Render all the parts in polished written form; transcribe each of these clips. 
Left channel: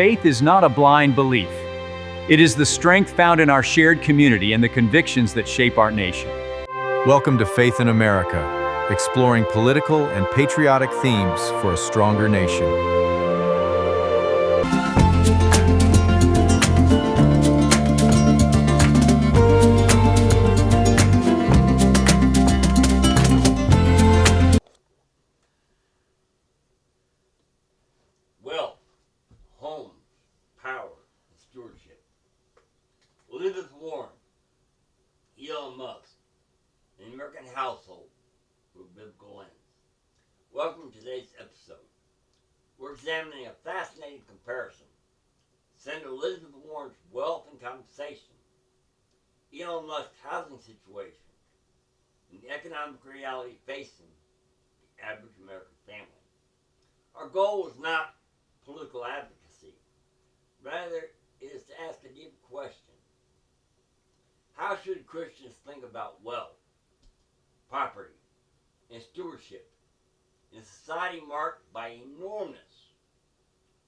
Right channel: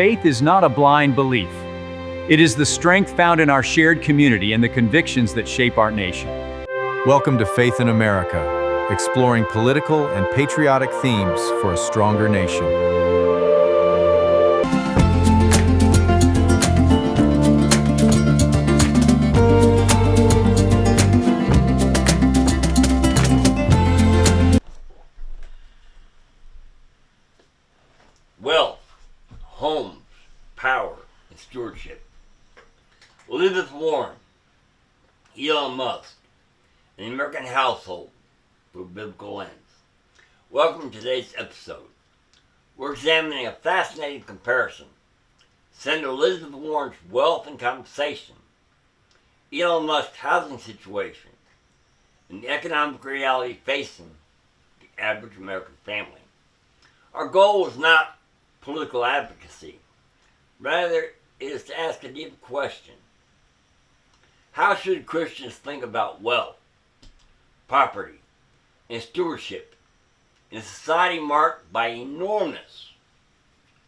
faith is not a blind belief. It is the strength found in our shared community and the convictions that shape our nation. Welcome to Faith in America, exploring political and patriotic themes for a stronger nation. Wealth, homes, power, and stewardship. Elizabeth Warren, Elon Musk, and the American household through a biblical lens. Welcome to today's episode. We're examining a fascinating comparison. Senator Elizabeth Warren's wealth and compensation, Elon Musk's housing situation, and the economic reality facing the average American family. Our goal is not political advocacy. Rather, it is to ask a deep question. How should Christians think about wealth, property, and stewardship in a society marked by enormous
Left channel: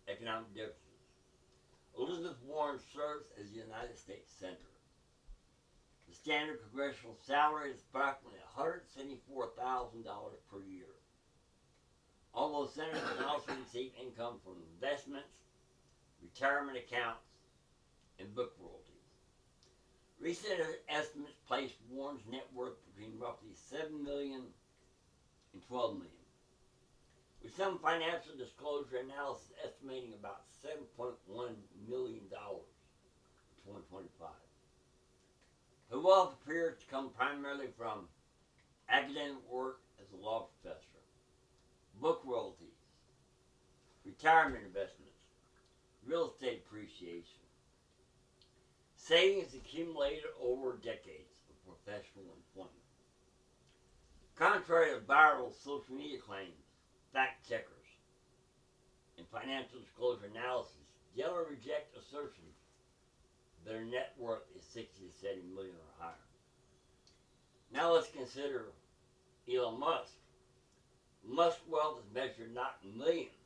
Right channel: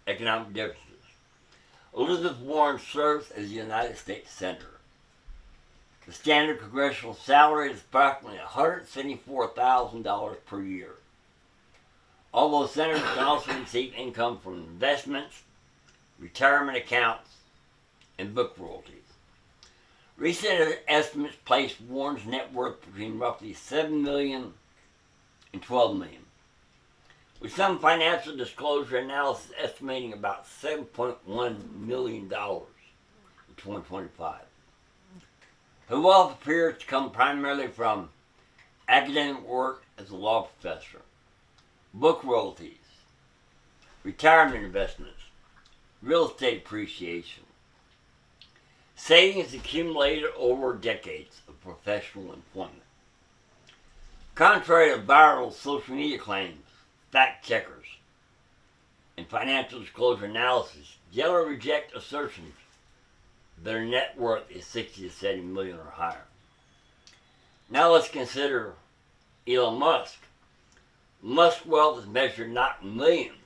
economic differences? Elizabeth Warren serves as the United States Senator. The standard congressional salary is approximately $174,000 per year. Although senators can also receive income from investments, retirement accounts, and book royalties. Recent estimates place Warren's net worth between roughly $7 million and $12 million, with some financial disclosure analysis estimating about $7.1 million in 2025. Her wealth appears to come primarily from academic work as a law professor, book royalties, retirement investments, real estate appreciation, savings accumulated over decades of professional employment. Contrary to viral social media claims, fact checkers, and financial disclosure analysis generally reject assertions that her net worth is 60 to 70 million or higher. Now let's consider Elon Musk. Musk's wealth is measured not in millions,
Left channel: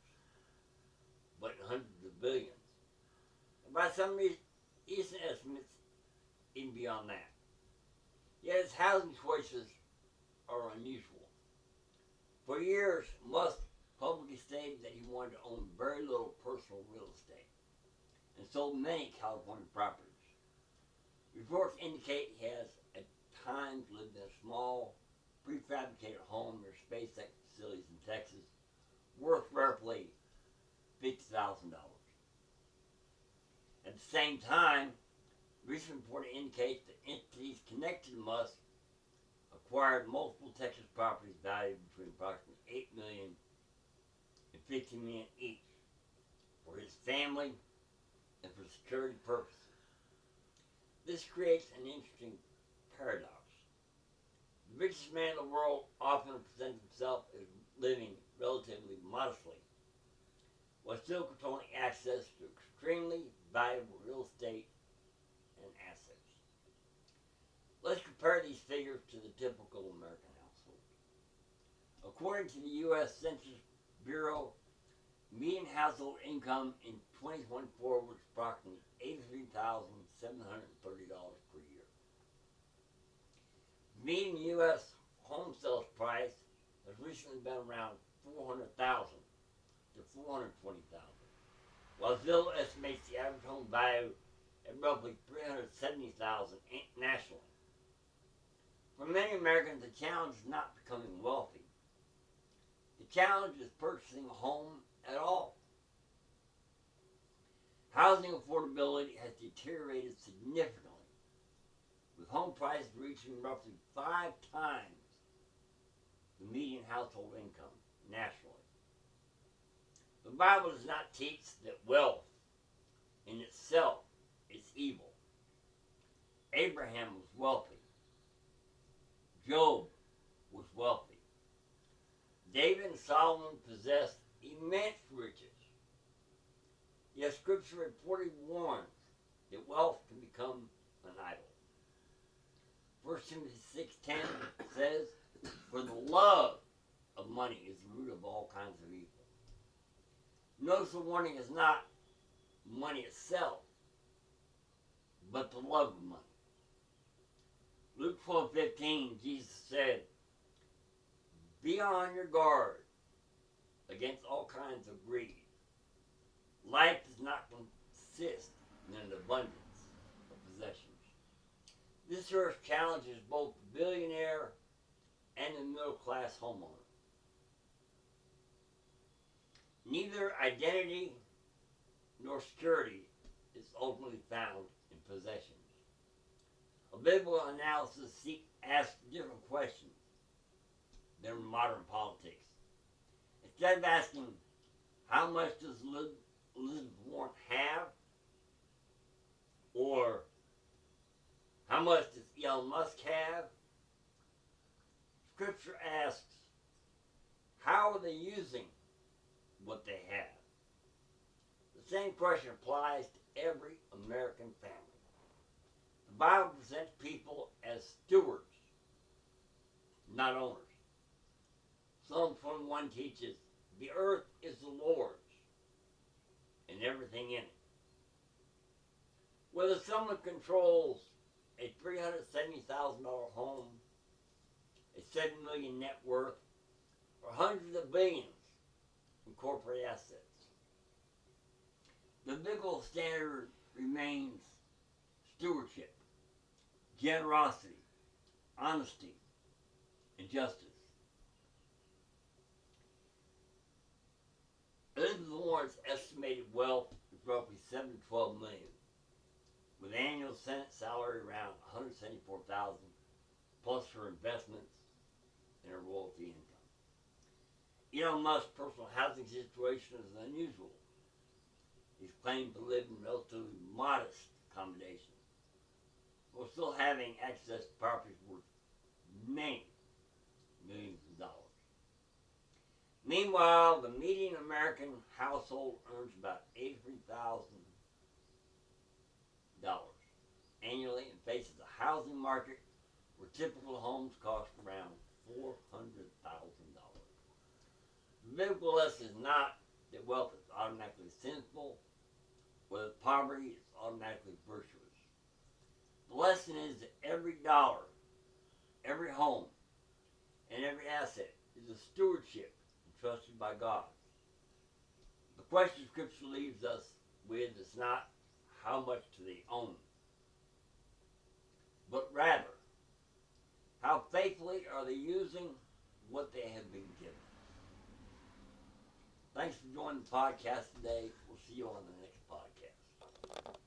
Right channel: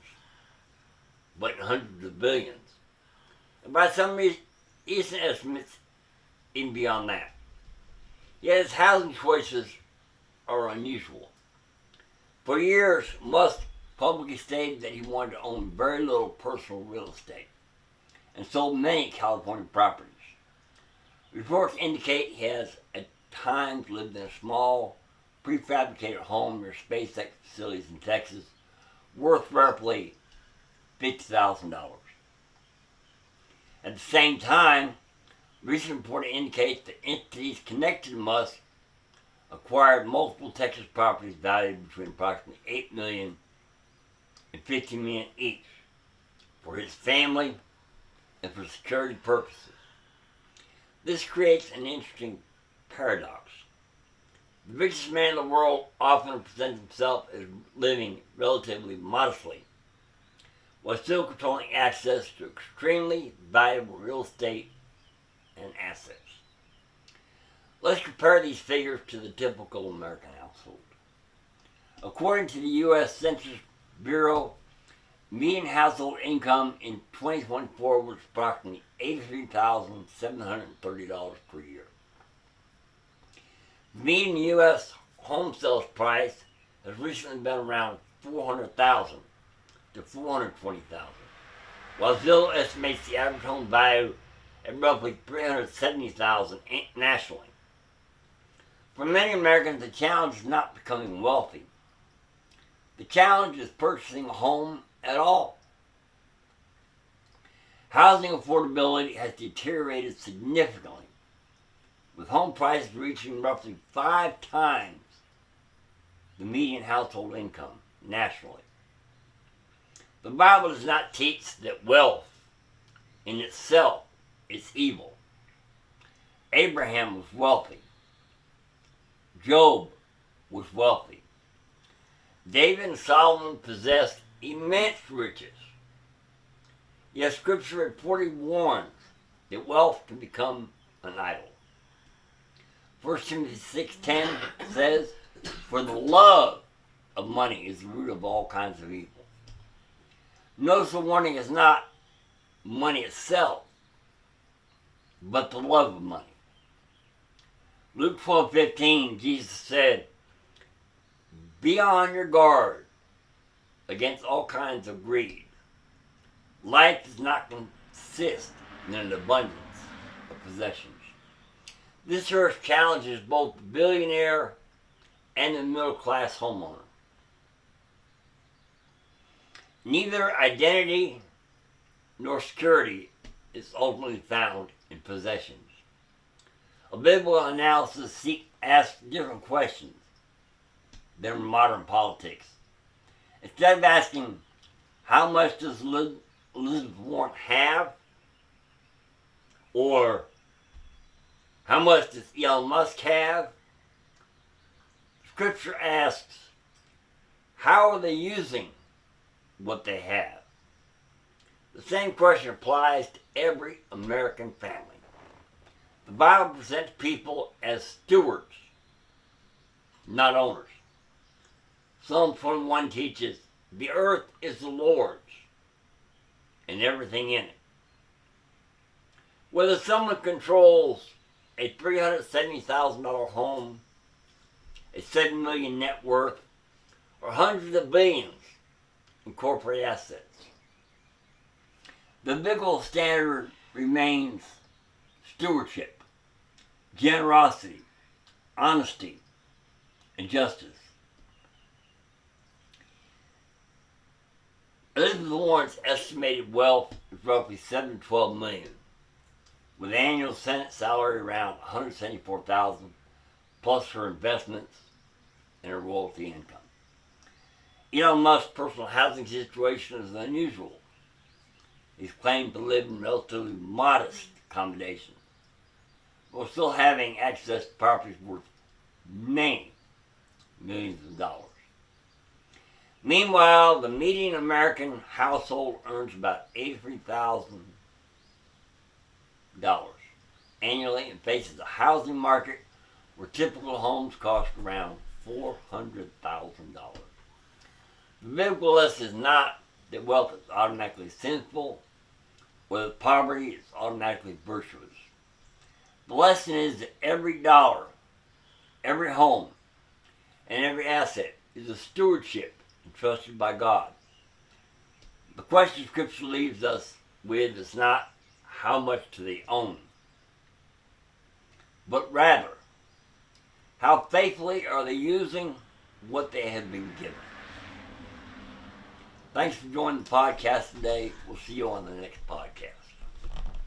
but in hundreds of billions. And by some recent estimates, even beyond that. Yet his housing choices are unusual. For years, Musk publicly stated that he wanted to own very little personal real estate and sold many California properties. Reports indicate he has at times lived in a small, prefabricated home near SpaceX facilities in Texas, worth roughly $50,000. At the same time, recent reporting indicates that entities connected to Musk acquired multiple Texas properties valued between approximately $8 million and $15 million each for his family and for security purposes. This creates an interesting paradox. The richest man in the world often presents himself as living relatively modestly, while still controlling access to extremely valuable real estate and assets. Let's compare these figures to the typical American household. According to the U.S. Census Bureau, median household income in 2024 was approximately $83,730 per year. The median U.S. home sales price has recently been around $400,000 to $420,000, while Zillow estimates the average home value at roughly $370,000 nationally. For many Americans, the challenge is not becoming wealthy. The challenge is purchasing a home at all. Housing affordability has deteriorated significantly, with home prices reaching roughly 5 times the median household income nationally. The Bible does not teach that wealth in itself is evil. Abraham was wealthy. Job was wealthy. David and Solomon possessed immense riches. Yet Scripture reportedly warns that wealth can become an idol. 1 Timothy 6:10 says, "For the love of money is the root of all kinds of evil." Notice the warning is not money itself, but the love of money. Luke 12:15, Jesus said, "Be on your guard against all kinds of greed. Life does not consist in an abundance of possessions." This verse challenges both the billionaire and the middle-class homeowner. Neither identity nor security is ultimately found in possessions. A biblical analysis asks different questions than modern politics. Instead of asking, how much does Elizabeth Warren have? Or, how much does Elon Musk have? Scripture asks, how are they using what they have? The same question applies to every American family. The Bible presents people as stewards, not owners. Psalm 21 teaches, the earth is the Lord's and everything in it. Whether someone controls a $370,000 home, a $7 million net worth, or hundreds of billions in corporate assets, the biblical standard remains stewardship, generosity, honesty, and justice. Elizabeth Warren's estimated wealth is roughly $7 to $12 million, with annual Senate salary around $174,000, plus her investments and her royalty income. Elon Musk's personal housing situation is unusual. He's claimed to live in relatively modest accommodations, while still having access to properties worth many millions of dollars. Meanwhile, the median American household earns about $83,000 annually and faces a housing market where typical homes cost around $400,000. The biblical lesson is not that wealth is automatically sinful or that poverty is automatically virtuous. The lesson is that every dollar, every home, and every asset is a stewardship entrusted by God. The question Scripture leaves us with is not how much do they own, but rather, how faithfully are they using what they have been given? Thanks for joining the podcast today. We'll see you on the next podcast.